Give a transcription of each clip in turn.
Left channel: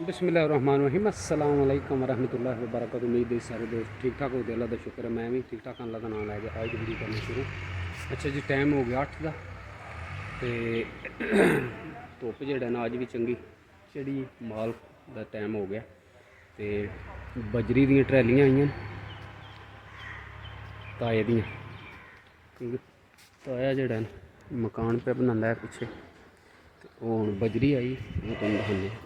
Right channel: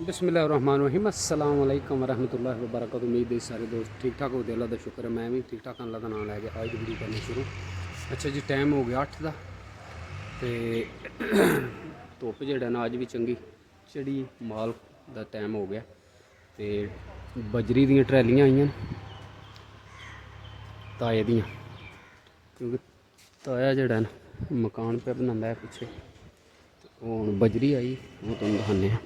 बिस्मिल्लाहिर्रहमानिर्रहीम अस्सलाम वालेकुम रहमतुल्लाहि व बरकातहू। उम्मीद है सारे दोस्त ठीक ठाक हो। अल्लाह का शुक्र है मैं भी ठीक ठाक। अल्लाह का नाम लैके आज की वीडियो करनी शुरू। अच्छा जी, टाइम हो गया 8 का तो धुप्प जेड़ा ना अज भी चंगी चढ़ी, माल का टाइम हो गया। तो बजरी दियां ट्रैलियां आईयां ताए दियां, क्योंकि ताया जेड़ा ना मकान पे बनांदा है पिछे, तो हुण बजरी आई वो तुहानूं दिखाने हैं।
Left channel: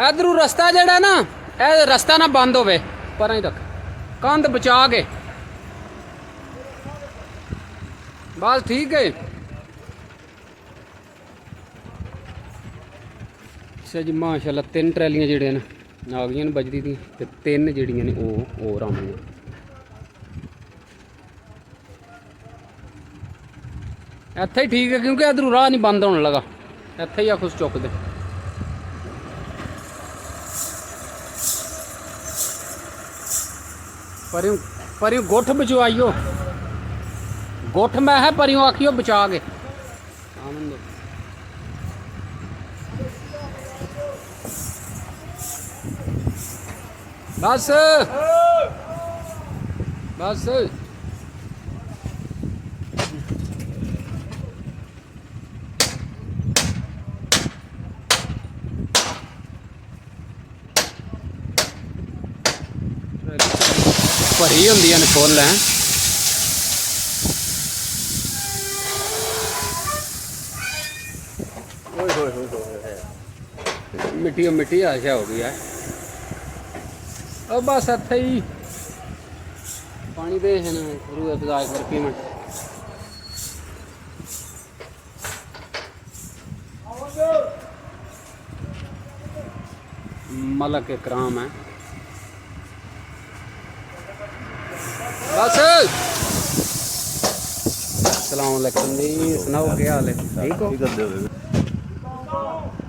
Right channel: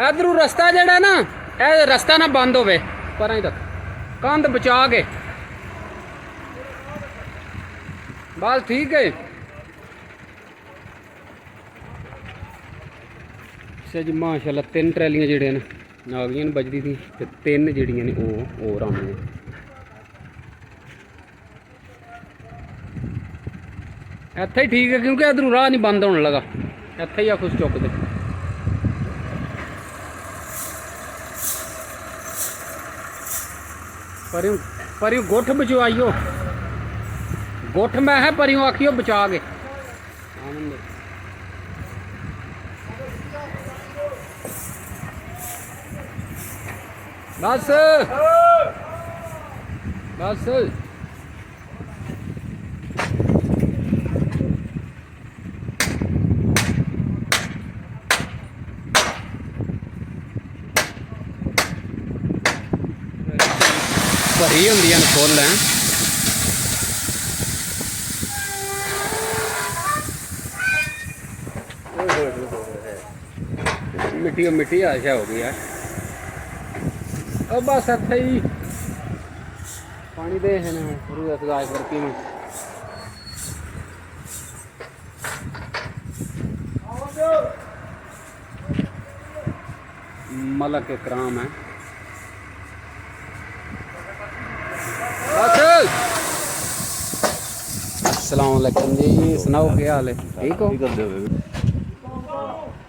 इधरू रस्ता जड़ा ना, ए रस्ता ना बंद होवे, पर ही रख कंध बचा के बस ठीक है। अच्छा जी, माशाल्लाह 3 ट्रैलियां जड़ियां ने आ गई ने बजरी दी, ते 3 जड़ियां ने होर आउणियां। इत्थे ही ठीक है, क्योंकि इधरू राह नहीं बंद होने लगा, इत्थे ही आ खुश चुप दे। परियों गुठ बचवाइयो, गुठ मैं है परियों आखियो बचा के। बस बस भरी होंदियां ने फुल हैं। मिट्टी मिट्टी आशा हो गई है। अब बस इत्थे ही पानी दे है ना रूह अफजा करके मैं मलक इकराम है। बस अस्सलाम वालेकुम जी, सुनाओ क्या हाल है? ठीक हो?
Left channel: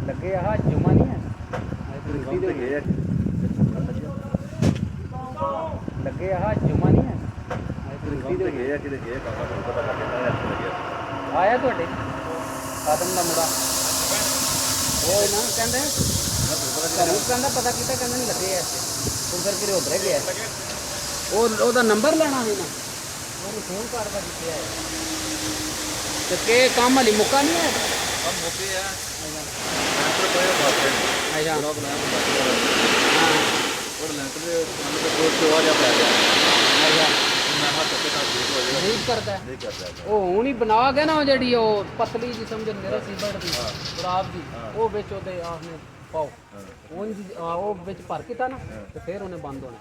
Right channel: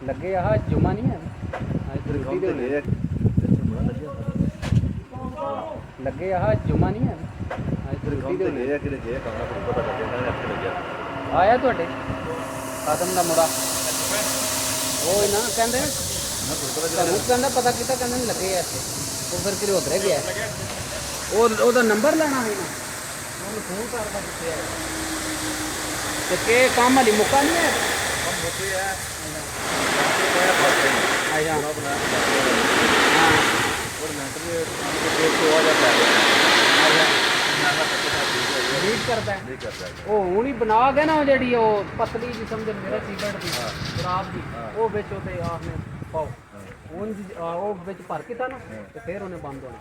लगे यहाँ जुमा नहीं है, लगे यहाँ जुमा नहीं है। आया थोड़े आदम का मुड़ा वो ना कहते कहना पता किता कहने नहीं लगे ऐसे, तो फिर फिर उधर गया ਉਹਦਾ ਨੰਬਰ ਲੈਣਾ ਸੀ ਨਾ, ਉਹਨੂੰ ਫੋਨ ਕਰਦਾ ਕਿੱਥੇ ਹੈ ਤੇ ਕਿ ਕੰਮ ਹਲੀ ਮੁੱਕਾ ਨਹੀਂ ਹੈ। ਕੰਮ ਮੁੱਕੇ ਹੈ ਆਇਆ ਹਾਂ और लेंटर को आ जाता है आया रीड करता है वो हूँ ही बना गया ना जी पतली जी समझ मेरा सीमेंट की खराब जी वो बिच ओते आपने पाओ वो बिच भर किता ना तो फिर उन्हें बंद होना।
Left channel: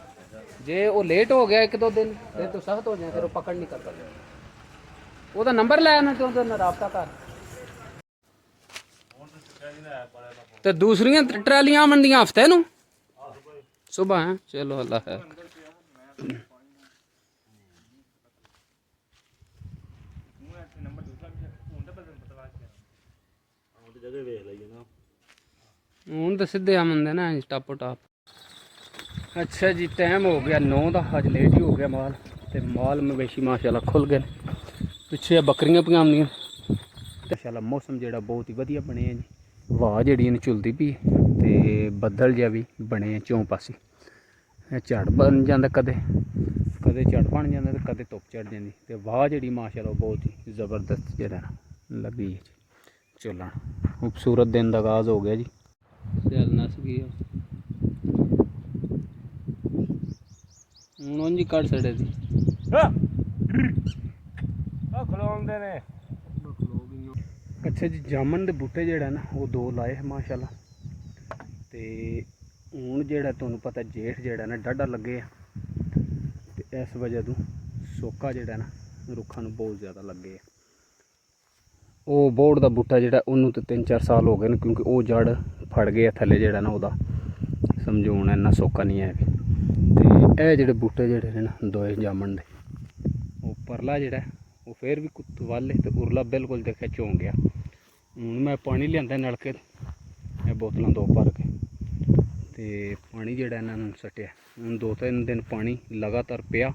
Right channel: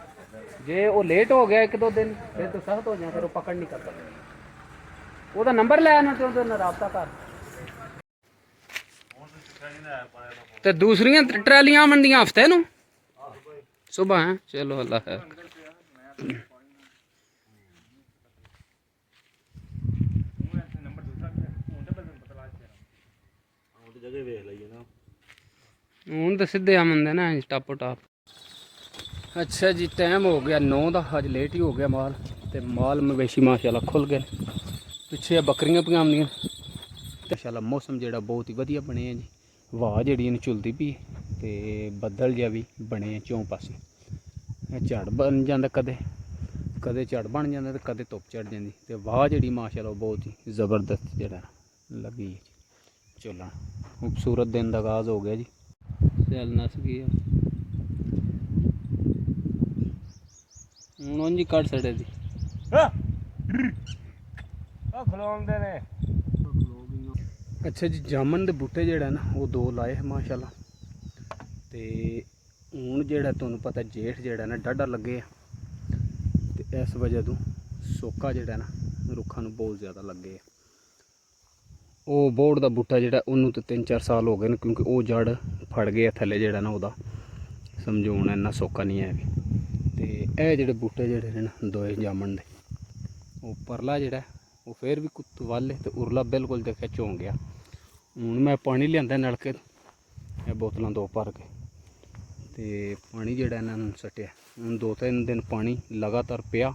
जे वो लेट हो गया 1-2 दिन फिर तो सख्त हो जाए, फिर वो पकड़ नहीं करता। ਉਹਦਾ ਨੰਬਰ ਲੈ ਆਣਾ ਤੇ ਉਹਦੇ ਨਾਲ ਰਾਬਤਾ ਕਰ। ਤੇ ਦੂਸਰੀਆਂ ਟਰਾਲੀਆਂ ਆਉਣਦੀਆਂ ਹਫਤੇ ਨੂੰ सुबह है। चलो अल्लाह है। हूँ तो सीधे आमंदे ना टापो टाप। अच्छा जी, टाइम हो गया 9 का, अज लेट ही हो गया माल, तो माल मवेशी माशाल्लाह खुल गए। पिछे बकरियां पजामियां माशाल्लाह। मौसम जोड़ा बहुत ही वधिया बने जी, हवा जी झुलती पी, तो बदल जहा भी बने चौं पासे। ਇਹ ਝੜ ਬਣ ਜਾਂਦਾ, ਕਦੇ ਕਦੇ ਝੜ ਬਣ ਜਾਂਦਾ ਤੇ ਕਦੇ ਧੁੱਪ ਚੜ ਜਾਂਦੀ। ਤੇ ਵਾਹ ਜਿਹੜੀ ਮਾਸ਼ਾਅੱਲਾ ਬਹੁਤ ਹੀ ਜ਼ਬਰਦਸਤ ਜਿਹੜਾ ਲੱਗੀ ਚੱਲਣ। ਖੂਬਸੂਰਤ ਦਿਨ ਦਾ ਆਗਾਜ਼ ਹੋ ਗਿਆ ਜੀ। ਸੈਲ ਨਸ ਗਈ ਹੁਣ ਉਂਝ ਹੀ ਕੱਢ ਛੜੇ ਦੀ ਖਲੋਂਦੇ ਨੇ। ਅੱਛਾ ਜੀ, ਜਾਮਨ ਦੇ ਬੂਟੇ ਜਿਹੜਾ ਨਾ ਉਹ 2 ਲਾਏ ਮਾਸ਼ਾਅੱਲਾ। ਤੇ ਹੁਣ ਜਿਹੜਾ ਤੁਹਾਨੂੰ ਪਤਾ ਜੇਠ ਜਿਹੜਾ ਨਾ ਡਾਢਾ ਲੱਗੇ ਆ, ਤੇ ਇਸ ਵਜ੍ਹਾ ਤੋਂ ਸੋਕਾ ਜਿਹੜਾ ਨਾ ਰੁੱਖਾਂ ਨੂੰ ਬਹੁਤ ਜ਼ਿਆਦਾ ਲੱਗੇ ਆ। ਉਹ ਬੋੜ ਦਾ ਬੂਟਾ ਜਿਹੜਾ ਉਹਨੂੰ ਤਾਂ 3-4 ਸਾਲ ਹੋ ਗਏ ਨੇ, ਕਿਉਂਕਿ ਉਹ ਜੜ ਫੜ ਗਏ ਥੱਲੇ ਜਿਹੜਾ ਨਾ ਉਹਦਾ, ਸਮਝੋ ਹੁਣ ਇੰਨਾ ਸੋਕਾ ਨਹੀਂ ਹੈ ਵੀ। ਤੇ ਇਹ ਜਿਹੜੇ ਬੂਟੇ ਜਿਹੜੇ ਨੇ ਨਾ 2 ਜਾਮਨ ਦੇ, ਉਹ ਪਰਲਾ ਜਿਹੜਾ ਉਹ ਫਿਰ ਵੀ ਕੁੱਤ ਵਾਲੇ ਤੇ ਉਰਲਾ ਬਿਲਕੁਲ ਦੇਖਿਆ ਝੋਂ ਗਿਆ। ਹੁਣ ਮੈਂ ਪਾਣੀ ਲਿਆਂਦਾ ਨਲਕੇ ਇਹ ਬੋਤਲਾਂ 2 ਭਰ ਕੇ, ਤੇ ਪਾਣੀ ਜਿਹੜਾ ਇਹਨਾਂ ਨੂੰ ਸੱਟਿਆ। ਹੁਣ 2-3 ਦਿਨ ਪਾਣੀ ਲਗਾਤਾਰ ਪਿਆ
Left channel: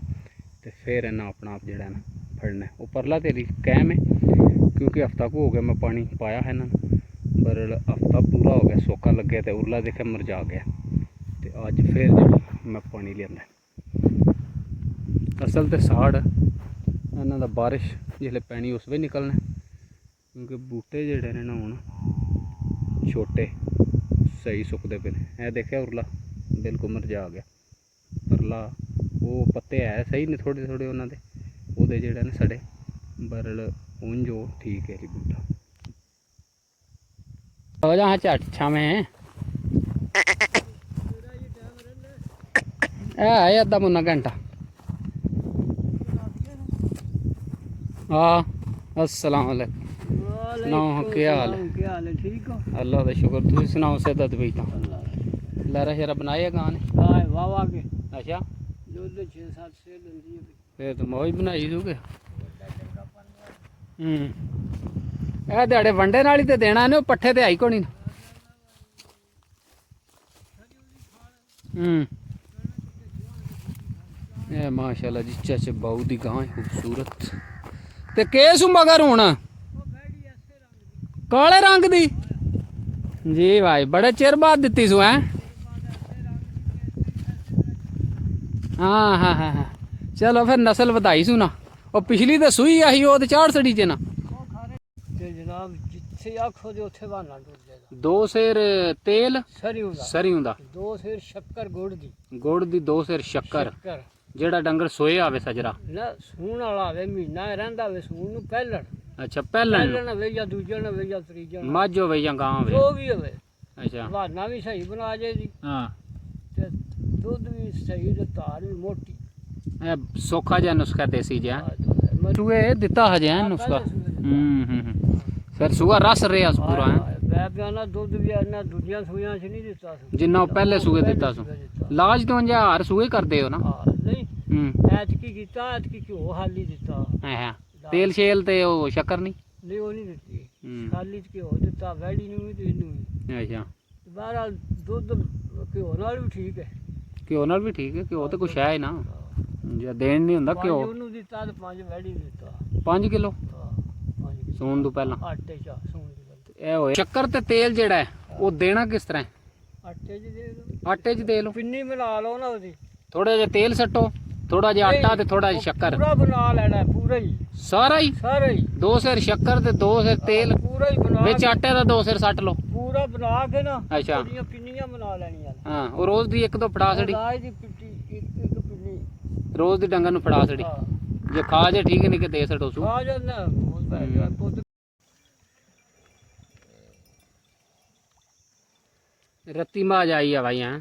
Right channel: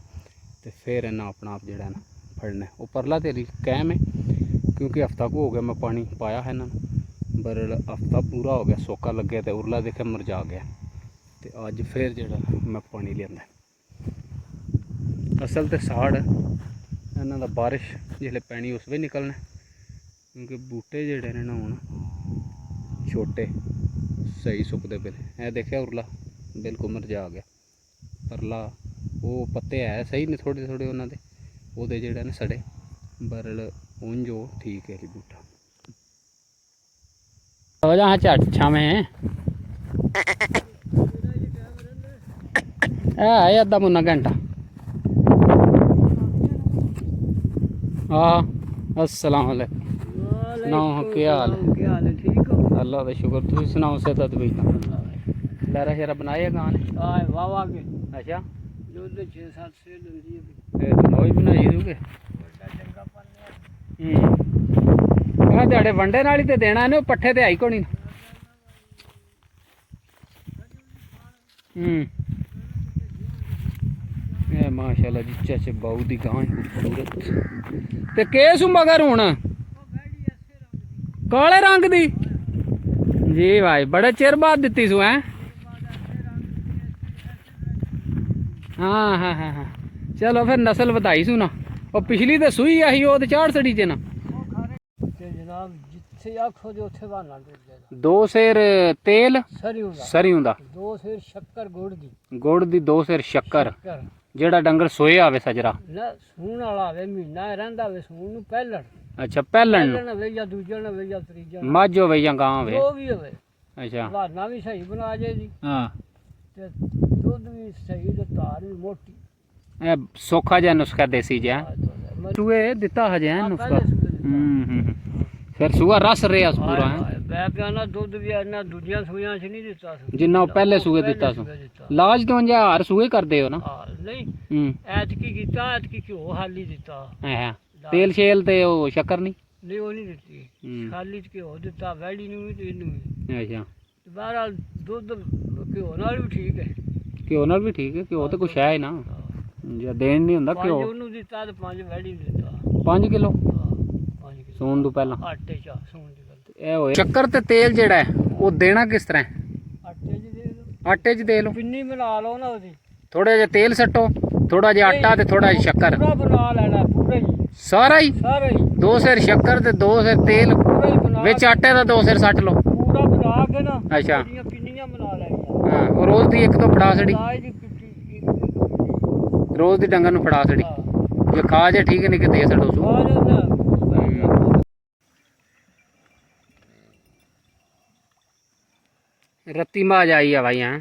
ਤੇ ਫਿਰ ਇਹਨਾਂ ਆਪਣਾ ਆਪ ਜਿਹੜਾ ਨਾ ਫੜਨਾ। ਉਹ ਪਰਲਾ ਤੇਰੀ ਕਾਇਮ ਹੈ, ਕਿਉਂਕਿ ਹਫ਼ਤਾ ਕੁ ਹੋ ਗਿਆ ਮੈਂ ਪਾਣੀ ਪਾਇਆ ਹੈ ਇਹਨਾਂ ਨੂੰ, ਪਰ ਹਫ਼ਤਾ ਪੂਰਾ ਹੋ ਗਿਆ ਸੋਕਾ ਲੱਗਿਆ ਤੇ ਉਰਲਾ ਦੇਖਿਆ ਮੁਰਝਾ ਗਿਆ। ਤੇ ਅੱਜ ਫਿਰ ਜਿਹੜਾ ਮੈਂ ਪਾਣੀ ਲਿਆਂਦਾ। ਅਸਲ ਤੇ ਸਾੜ ਇਹਨਾਂ ਦਾ ਬਾਰਿਸ਼ ਜਿਸਲੇ ਪੈਣੀ ਉਸ ਵੇਲੇ ਨਿਕਲਣਾ, ਕਿਉਂਕਿ ਬੂਟੇ ਜਿਹੜੇ ਨੇ ਨਾ ਹੁਣ ਛੋਟੇ ਸਹੀ ਸੁੱਕਦੇ ਪਏ ਨੇ। ਇਹ ਦੇਖਿਆ ਉਰਲਾ ਬਿਲਕੁਲ ਮੁਰਝਾ ਗਿਆ, ਪਰਲਾ ਉਹ ਪੱਤੇ ਹੈ ਸਹੀ ਨੇ ਥੋੜ੍ਹੇ ਥੋੜ੍ਹੇ ਉਹਨਾਂ ਦੇ, ਉਹਦੇ ਜਿਹੜੇ ਨੇ ਸੜੇ, ਬਰਲ ਉਂਝ ਉਹ ਠੀਕ ਹੈ ਜੀ ਬੂਟਾ। ਹੋ ਜਾ ਝੱਟ ਛਾਵੇਂ ਹੈ ਅੱਧਾ ਮੁੰਨਾ ਘੰਟਾ। हाँ अस्सलाम वालेकुम। सुनाओ क्या हाल है? ठीक हो? अल्लाह का शुक्र। तुम सुनाओ सेहत भी? लहरा शेरा बनाए गाने? वाह वाह के। अच्छा जो 6-7 से दंदी ये तो नोई बनाई दोगे। ਇਹ ਤੁਹਾਡੇ ਵੰਡੇ ਨਾਲ ਹੀ ਤੇ ਦੇਣਾ ਨੇ, ਉਹ ਪੱਠੇ ਤੇ ਆਈ ਕੋਣੀ। ਇਹ ਮਾਸ਼ਾਅੱਲਾ ਜੀ ਚਾਚੇ ਬਾਊ ਦੀ ਗਾਂ ਖੂਬਸੂਰਤ। ਤੇ ਕੇਸ ਮਗਰ ਹੁਣ ਕਾਲੇ ਰੰਗ ਦੀ ਜੀ ਭਾਈ, ਬੜੇ ਚਿਰ ਬਾਅਦ ਦਿੱਤੀ ਸੂ ਹੈ। ਹਾਂ ਹਾਂ ਹਾਂ ਹਾਂ, ਚਲੋ ਫਿਰ ਨਸਲ ਵਧਾਈ ਸੂ ਨਾ। ਉਹ ਪਿਛਲੀ ਤਾਂ ਸੂਈ ਆਹੀ, ਉਹ ਤੇ ਚਾੜ ਸੜੀ ਚ ਨਾ जनाब जिथे आखो जो उथे बहाना टुट जाएगा। 2 सेर तेल सरियों दा 2 सेर शक्कर गुड़ दी 2 सेर शक्कर। ਜਿਹੜਾ ਡੰਗਰ ਸੋਏ ਆਵੇ ਸਜਰਾ ਨਾ ਸੂਣ ਵਾਲਾ ਆਵੇ, ਮਹੀਨਾ ਰਹਿੰਦਾ ਵੇ ਸੂਣ ਨੂੰ ਪਹਿਲਣ। ਅੱਛਾ ਪਹਿਲਣ ਵੇ ਜਾਂ ਦੂਜਣ ਵੇ ਜਾਂ ਤੀਜਣ, ਮੱਝ ਹੋਵੇ ਜਾਂ ਗਾਂ ਹੋਵੇ, ਜੋ ਵੀ ਹੋਵੇ। ਅੱਛਾ ਬਹਾਨਾ ਵੀ ਸਹੀ ਬਣਾ ਜੇ ਜੀ। ਹਾਂ ਤੇ ਦੁੱਧ ਵੀ ਸਹੀ ਤੇ ਧਾਰ ਵੀ ਮੋਟੀ। ਇਹ ਸੌਖਾ ਜਿਹਾ ਨੁਸਖਾ ਦੇਸੀ ਜਿਹਾ ਸੂਏ ਦਿੱਤਾ ਹਜੇ ਹੈ ਨੁਸਖਾ। ਫਿਰ ਸੂਆ ਰਸ ਰਿਹਾ ਪੂਰਾ ਹੈ। ਮੈਂ ਪਿਆਣਾ ਦੁੱਧ ਵੀ ਇਹਨਾਂ ਦੂਜੀਆਂ ਸੂਈਆਂ 'ਚ ਨਹੀਂ ਦਿੱਤਾ ਸੀ, ਜਿੰਨਾ ਉਹ ਪਹਿਲੇ ਸੂਏ ਦਿੱਤਾ ਸੀ। ਲਾਜ ਤੋਂ ਹਜ਼ਾਰ ਸੂਏ ਕਰਦੇ ਹੋ ਨਾ? ਨਹੀਂ ਐਤਕੀ ਕੀਤਾ, ਐਤਕੀ ਘਿਓ ਹਾਲੀ ਦਿੱਤਾ। ਹਾਂ ਤੇਲ ਸ਼ੇਲ ਤੇ ਉਹ ਸ਼ੱਕਰ ਨਹੀਂ ਉਹ ਨਹੀਂ ਦਿੱਤੀ, ਖਾਲੀ ਚ ਘਿਓ ਦਿੱਤਾ ਵੈੜੀ ਨੂੰ ਵੀ ਤੇ ਇਹਨੂੰ ਵੀ। ਅੱਛਾ ਬਹਰਹਾਲ ਦੁੱਧ ਘਿਓ ਨਾਲ ਵੀ ਠੀਕ ਹੈ। ਘਿਓ ਨਾਲ ਵੀ ਠੀਕ ਹੈ, ਘਿਓ ਤੇ ਕੁਛ ਹੈ ਨਾ, ਜੇ ਦੇਣ ਨਹੀਂ ਹੁੰਦਾ ਘਿਓ। ਉਹਨੂੰ ਦਿੱਤਾ ਤੇ 5 ਵੈੜੀ ਨੂੰ ਦਿੱਤਾ। 5 ਕਿਲੋ 5 ਕਿਲੋ ਸੂਣ ਤੋਂ ਪਹਿਲਾਂ ਆਟੇ ਚ ਸੂਣ ਦੀ ਗੱਲ। ਇਹ ਹੋਏ ਸ਼ੱਕਰ ਤੇ ਤੇਲ ਜਿਹੜਾ ਹੈ ਉਹ ਦੇਣਾ ਕਿਸ ਤਰ੍ਹਾਂ? ਆਟੇ ਚ ਦੇ ਦਿਓ। ਆਟੇ 'ਚ ਦੇ ਲਓ, ਪਿੰਨੀ ਬਣਾ ਲਓ ਨਾ ਉਹਦੀ। ਥੋੜਾ ਜਿਹਾ ਤੇਲ ਸੱਟੋ, ਥੋੜਾ ਜਿਹਾ ਆਟਾ ਤੇ ਥੋੜਾ ਜਿਹਾ ਸ਼ੱਕਰ, ਪੂਰਾ ਬਣਾ ਲੈਣਾ ਪੂਰਾ ਹੀ ਸਾਰਾ ਹੀ। 2 ਸੇਰ ਸ਼ੱਕਰ ਤੇ 2 ਸੇਰ ਤੇਲ, ਪੂਰਾ ਹੀ ਬਣਾ ਵਿੱਚ ਆਟੇ ਦਾ 2 ਸੇਰ ਸੱਟ ਲਓ। ਪੂਰਾ ਬਣਾ ਕੇ ਨਾ ਅੱਛਾ ਉਹਦੀਆਂ ਪਿੰਨੀਆਂ ਬਣਾ ਲੈਣੀਆਂ। ਹਾਂ ਉਹ ਰੋਜ਼ ਦੀ ਇੱਕ ਤੋਂ ਫੜਾ ਛੜੀ, ਲਾਜ ਦੀ ਪਿੱਟੀ ਇੱਕ ਪਿੰਨੀ ਰੋਜ਼ ਦੀ ਡੰਗਰ ਨੂੰ ਫੜਾ ਛੜੀ। ਜੇ ਖਾ ਜੇ ਠੀਕ ਨਹੀਂ ਕਿ ਦੇ ਛੱਡੋ ਸੂ। ਆ ਜਾਂਦਾ रत्ती माज आई है भाई यहाँ।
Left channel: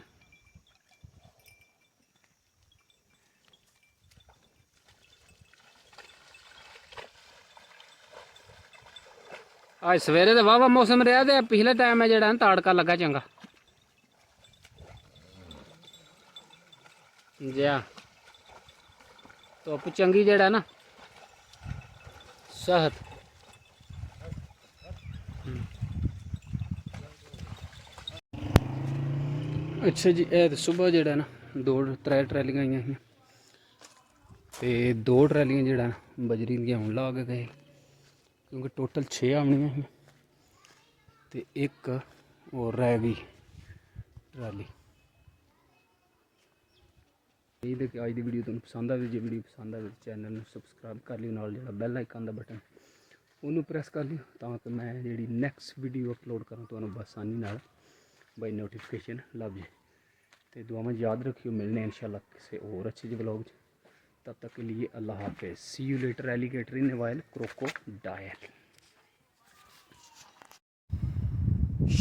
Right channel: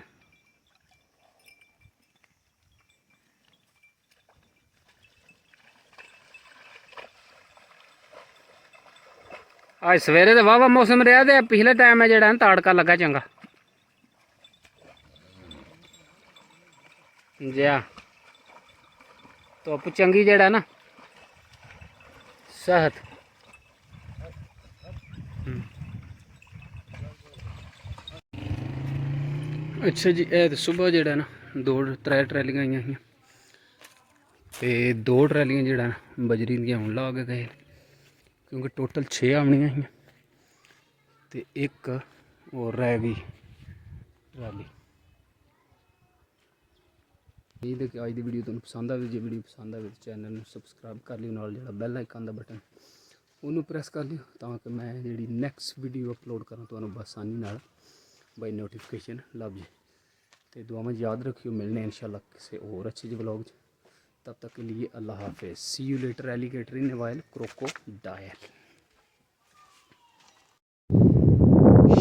आज सवेरे तो वाह मौसम रहा तो पिछले टाइम है जरा ताड़का लगा चंगा जी। धुप चंगी जड़ा ना सेहत। अच्छा जी ए तो सुबह जड़ा ना 2-3 ट्रैलियां आई हैं, तो 2 ट्रैलियां जड़ा बजरी दियां हुण ला के गए, क्योंकि टोटल 6 आवनियां ही, तो एक और रह गई ट्राली। ਇਹ ਦੇ ਅੱਜ ਦੀ ਵੀਡੀਓ ਤੁਹਾਨੂੰ ਪਸੰਦ ਆਵੇ, ਜੇ ਵੀਡੀਓ ਪਸੰਦ ਆਵੇ ਤਾਂ ਚੈਨਲ ਨੂੰ ਸਬਸਕ੍ਰਾਈਬ ਕਰ ਲਿਓ, ਨਾਲ ਜਿਹੜਾ ਬੈਲ ਆਈਕਨ ਦਾ ਬਟਨ ਉਹਨੂੰ ਪ੍ਰੈਸ ਕਰ ਲਿਓ ਤਾਂ ਕਿ ਮੈਂ ਜਿਹੜੀ ਨੈਕਸਟ ਵੀਡੀਓ ਅਪਲੋਡ ਕਰਾਂ ਤੁਹਾਨੂੰ ਆਸਾਨੀ ਨਾਲ ਬਾਈ ਨੋਟੀਫਿਕੇਸ਼ਨ ਲੱਭ ਜੇ। ਤੇ ਦੁਆਵਾਂ ਯਾਦ ਰੱਖਿਓ, ਮਿਲਨੇ इंशाल्लाह ਕਿਸੇ ਹੋਰ ਅੱਛੇ ਜਿਹੇ ਵਲੌਗ 'ਚ। तब तक के लिए अल्लाह हाफिज़। See you later alligator in while crocodile.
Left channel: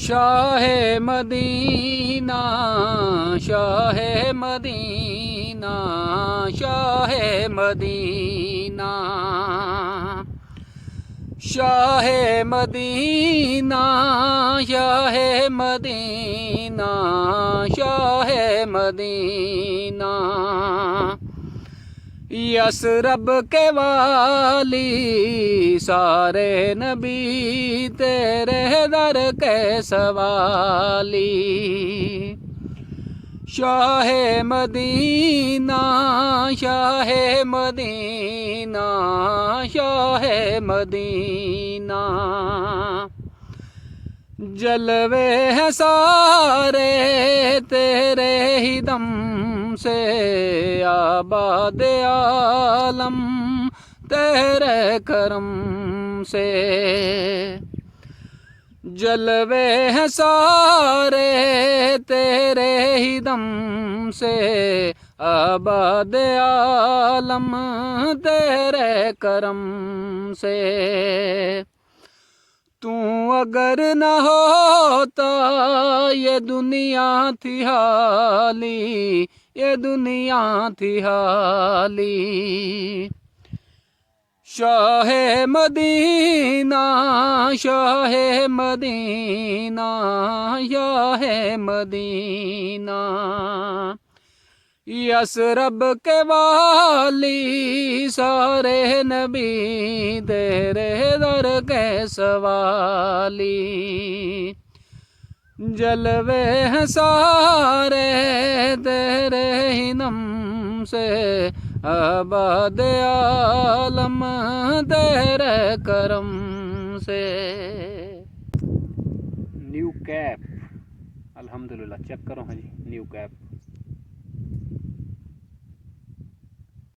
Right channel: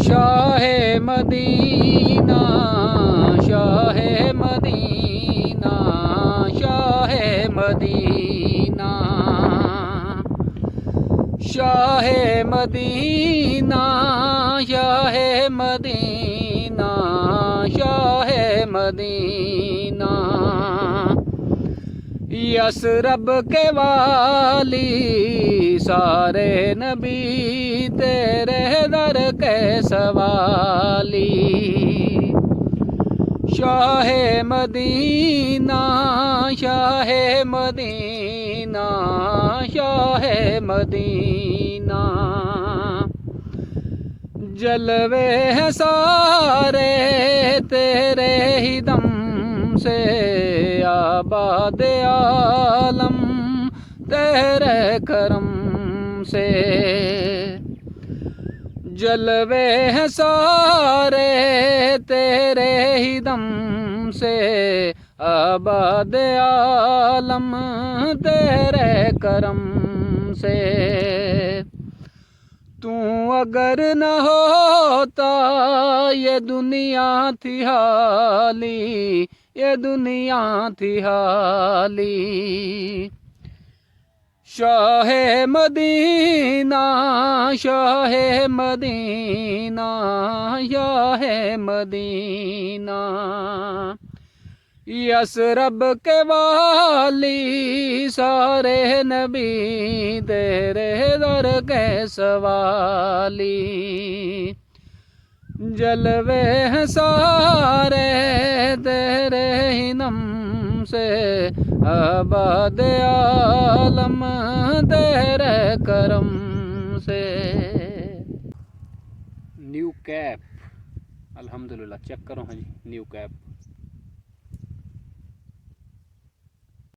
शाह मदीना शाह मदीना शाह मदीना शाह मदीना शाह मदीना शाह मदीना यसरब के वाली सारे नबी तेरे दर के सवाली। शाह मदीना शाह मदीना शाह मदीना जलवे हैं सारे तेरे ही दम से आबाद आलम तेरे करम से। जलवे हैं सारे तेरे ही दम से आबाद आलम तेरे करम से। तू अगर न होता ये दुनिया थी हाली, ये दुनिया थी हाली। शाह मदीना शाह मदीना शाह मदीना यसरब के वाली सारे नबी तेरे दर के सवाली। जलवे हैं सारे तेरे ही नम से आबाद आलम तेरे करम से। न्यू कैप अल्हम्दुलिल्लाह, चेक करो हाँ जी, न्यू कैप।